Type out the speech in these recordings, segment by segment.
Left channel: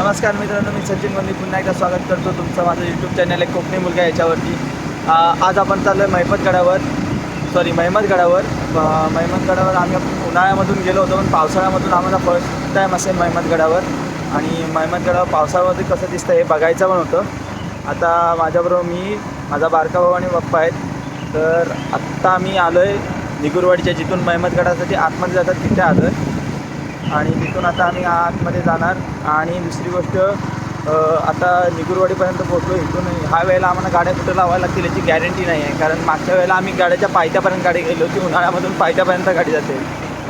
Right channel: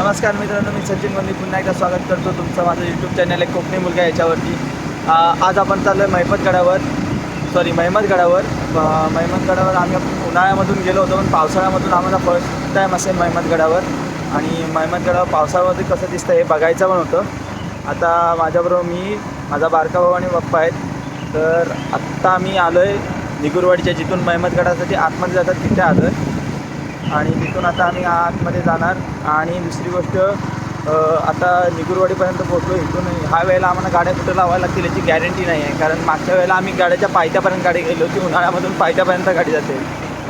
नमस्कार मित्रांनो मी सचिन मंदी पुन्हा एकदा स्वागत करतो तुमचं माझं यूट्यूब चॅनल आहे कोकणी मुलगा याच्यावरती. आज आपण चाललो आहे महिमतगडावर सॉरी महिमतगडावर अ, महिमतगडावर आम्ही उन्हाळ्यामधून गेलो होतो पण पावसाळ्यामधून आम्हाला फर्स्ट टाईम असेल महिमतगडावर आणि महिमतगडावर पावसाळ्यामध्ये कसं दिसतं हे बघायचं पण होतं. आता माझ्याबरोबर मी माझा बारका भाऊ आणि पप्पा आहेत. तर आत्ता आम्ही आलो आहे निगुरवाडीच्या जिथून महिमतगडासाठी आतमध्ये जातात तिथे आलो आहे आणि तिथून आता आम्ही आतमध्ये जाणार. आणि दुसरी गोष्ट आता निगुरवाडीपर्यंत पोहोचलो. इथून ह्या वेळेला आम्हाला गाड्या कुठं लावायला लागतील याची गॅरंटी नाही आहे. कारण मागच्या वेळेला आम्ही गाड्याच्या पायथ्यापर्यंत गाडी गेली होती. उन्हाळ्यामधून पायथ्यापर्यंत गाडी जाते.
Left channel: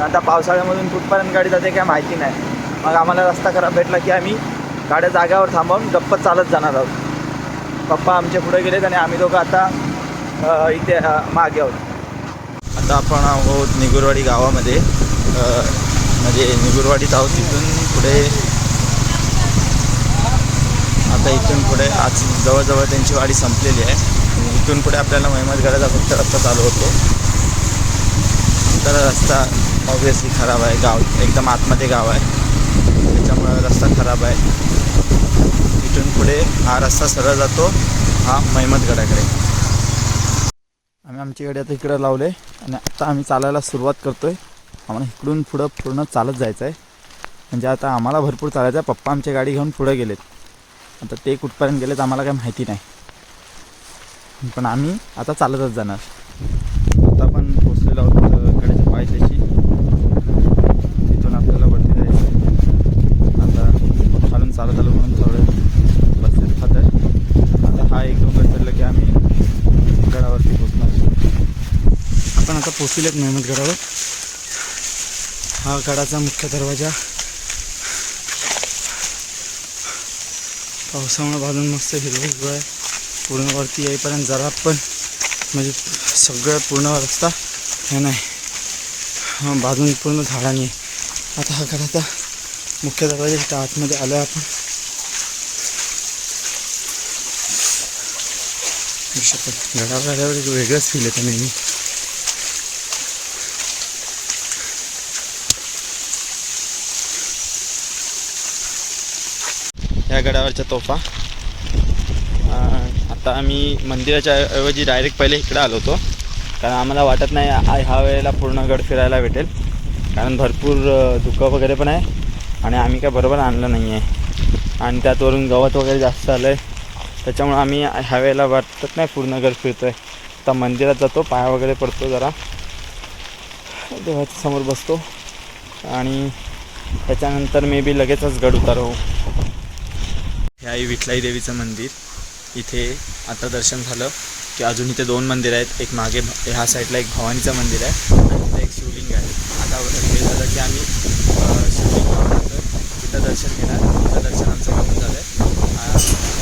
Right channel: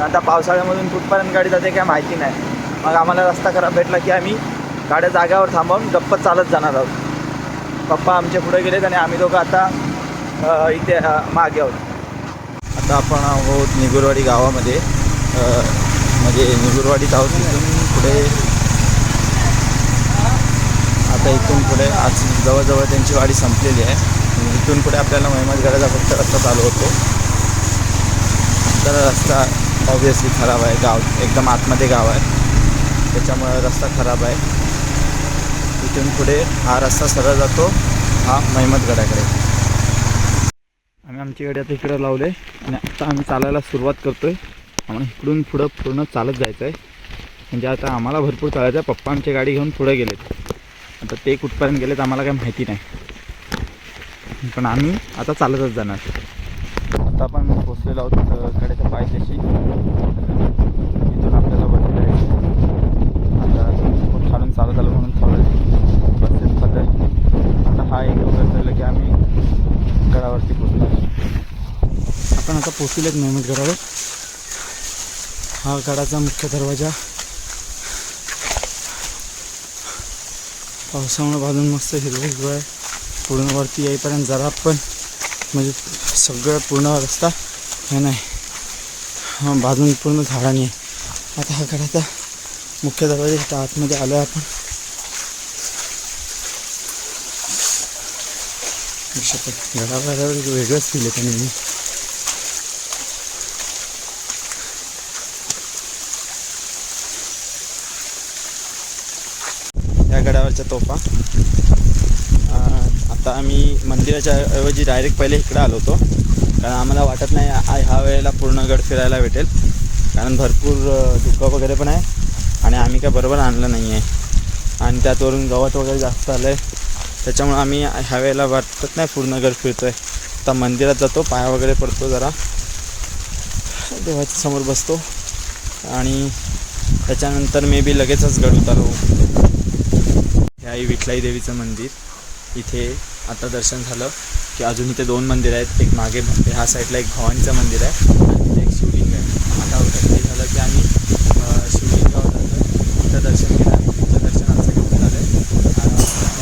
आता पावसाळ्यामधून कुठपर्यंत गाडी जाते काय माहिती नाही. मग आम्हाला रस्ता खराब भेटला की आम्ही गाड्या जाग्यावर थांबवून गप्प चालत जाणार आहोत. पप्पा आमच्या पुढे गेलेत आणि आम्ही दोघं आता इथे मागे आहोत. आता आपण आहोत निगुरवाडी गावामध्ये. म्हणजे निगुरवाडीत आहोत तिथून पुढे. आता इथून पुढे आज जवळजवळ त्यांची वाडी संपलेली आहे. इथून पुढे आपल्याला महिमतगडाचा फक्त रस्ता चालू होतो. तर रस्ता ऑब्वियसली खराब आहे. गाव एकदम आतमध्ये गाव आहे. त्याच्यामुळे रस्ता खराब आहे. इथून पुढे हा रस्ता सरळ जातो. हा महिमतगडाकडे आम्ही आमची गाडी आता इकडं लावले. आणि आता आम्ही चालायला सुरुवात करतो आहे आम्हाला इकडून पुढं पूर्ण चालत जायचं आहे. म्हणजे आता आम्हाला भरपूर चालायचं आहे. पप्पा आमची गाडी घेऊन पुढे गेलेत. आता ते कुठपर्यंत गेलेत आम्हाला काही माहिती नाही. पण आम्ही आता चालतच जाणार. आता आपण पोचलेलो आहोत कडेच्या पायथ्याशी. तिथून आपल्याला वरती जायचं आता खूप खालून चालत आलो म्हणून थोडं खात आहे आता हा एक दोन ठरलं की आम्ही गडावरती पोचणार आपण आता पोचलेत मेहमतगडावर हा गडाचा मुख्य दरवाजा. पावसामुळे बाजून मस्त हिरवं हिरवं आहे. पूर्ण वरती येईपर्यंत जरा पण म्हणजे सगळं पूर्ण रस्ता हे नाही. हा, बाजून पूर्ण झाडांनी. आता हा गडाचा मुख्य दरवाजा इथं आतमध्ये आलो आहे आपण गडावर आल्यावर एक वेगळंच फील येतं नेहमी. या गडावरच्या तोफा. आता आम्ही मंदिराच्या ऐवजी डायरेक्ट पहिले इकडं आलो होतो. कारण आम्हाला वाटत नाही ह्या वेळेला पूर्ण गड फिरायला भेटेल. कारण भरपूर धुकं वगैरे पण आहे. आणि आम्ही काय बरोबर आणलं नाही आहे आणि त्यातवरून गवत वगैरे जास्त आलं आहे त्याच्यामुळे आम्ही ह्या वेळेला वाटत नाही पूर्ण गड फिरतो आहे आता मंदिरात जातो पाया वगैरे पडतो जरा. देवाच्या समोर बसतो. आणि त्याच्यानंतर मे बी लगेचच गड उतारू. आई आहे विठलाई देवीचं मंदिर. इथे आता दर्शन झालं की अजून इथे दोन मंदिर आहेत. एक मागे ह्या साईडला एक भवानीचं मंदिर आहे आणि तिथे एक शिवलिंग आहे. आता हे झालं की आम्ही शिवलिंगावर जातो तिथं दर्शन घेणार. तिथं दर्शन आमचं घेऊन झालं आहे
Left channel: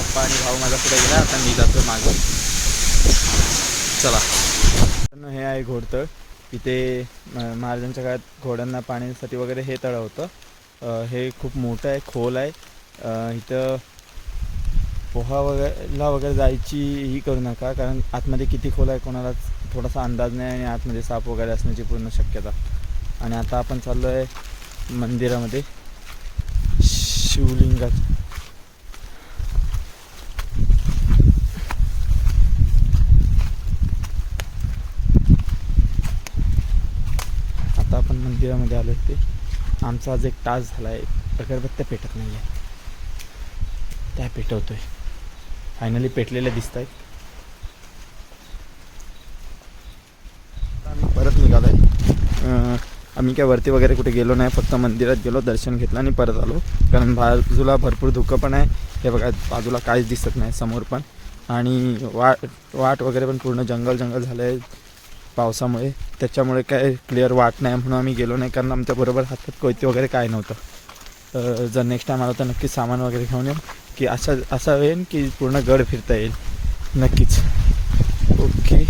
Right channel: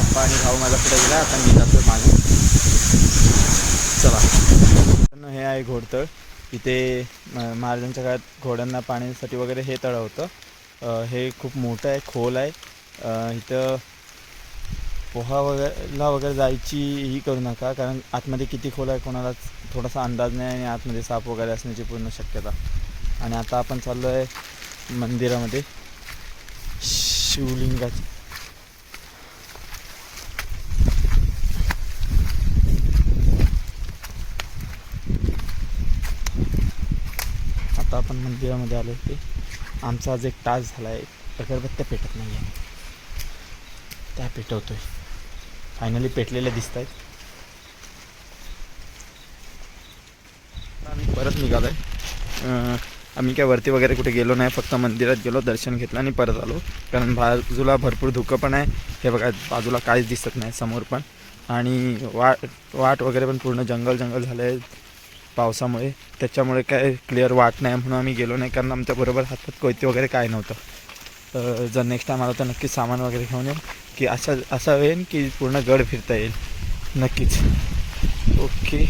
पप्पा आणि भाऊ माझा पुढे गेला. आता मी जातो मागून. चला. हे आहे घोडतळ. इथे म- महाराजांच्या काळात घोड्यांना पाण्यासाठी वगैरे हे तळं होतं. हे खूप मोठं आहे खोल आहे. इथं पोहा वगैरेला वगैरे जायची ही करू नका कारण आतमध्ये किती खोल आहे कोणाला थोडासा अंदाज नाही आणि आतमध्ये साप वगैरे असण्याची पूर्ण शक्यता. आणि आता आपण चाललो आहे मंदिरामध्ये. शिवलिंगात आता आपण मंदिरामध्ये आलो ते आमचा आज एक तास झाला आहे अगरबत्त्या पेटत नाही आहे त्या पेटवतोय? फायनली पेटलेल्या दिसत आहेत आम्ही परत निघालो आहे आम्ही काय वरती वगैरे कुठे गेलो नाही फक्त मंदिरात गेलो दर्शन घेतलं आणि परत आलो. कारण बाजूला भरपूर धुकं पण आहे. हे बघा बाजूला काहीच दिसत नाही समोर पण. आणि वाट वाट वगैरे पण पूर्ण जंगल जंगल झालं आहे पावसामुळे. त्याच्यामुळे काय क्लिअर वाट नाही म्हणून आम्ही गेलो नाही कारण आमच्याबरोबर हातात कोयते वगैरे काय नव्हतं. तर जर नेक्स्ट टाईम आला तर नक्कीच सामान वगैरे घेऊन येऊ. की असा असा होईल की पूर्ण गड फिरता येईल. नक्कीच. ओके.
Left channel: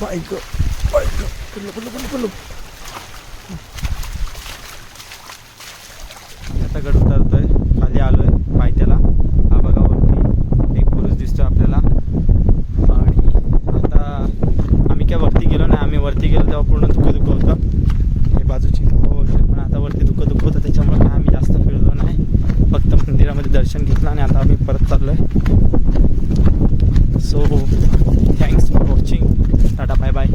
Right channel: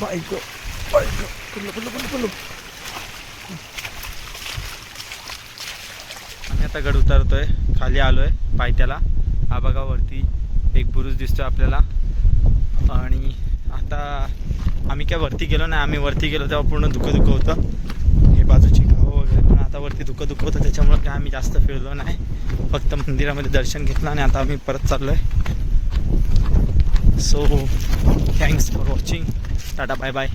बाईक बाईक पडलं पडलं पडलं पडलं. आम्ही आता गड उतरतोय. खाली आलोय पायथ्याला. हा एक पुरुष दिसतोय आपल्याला. आणि आता आम्ही काय वरती गेलो नाही. आम्ही वरती गेलो तेव्हा पूर्ण दुःख दुःख होतं. हे बाजूची गावं वगैरे हातावरती दुःख दुःख होतं त्याच्यामुळे काय आम्ही जास्त फिरलो नाही. फक्त मंदिरामध्ये दर्शन घेतलं आणि आता आम्ही परत चाललो आहे so thanks for watching tata bye bye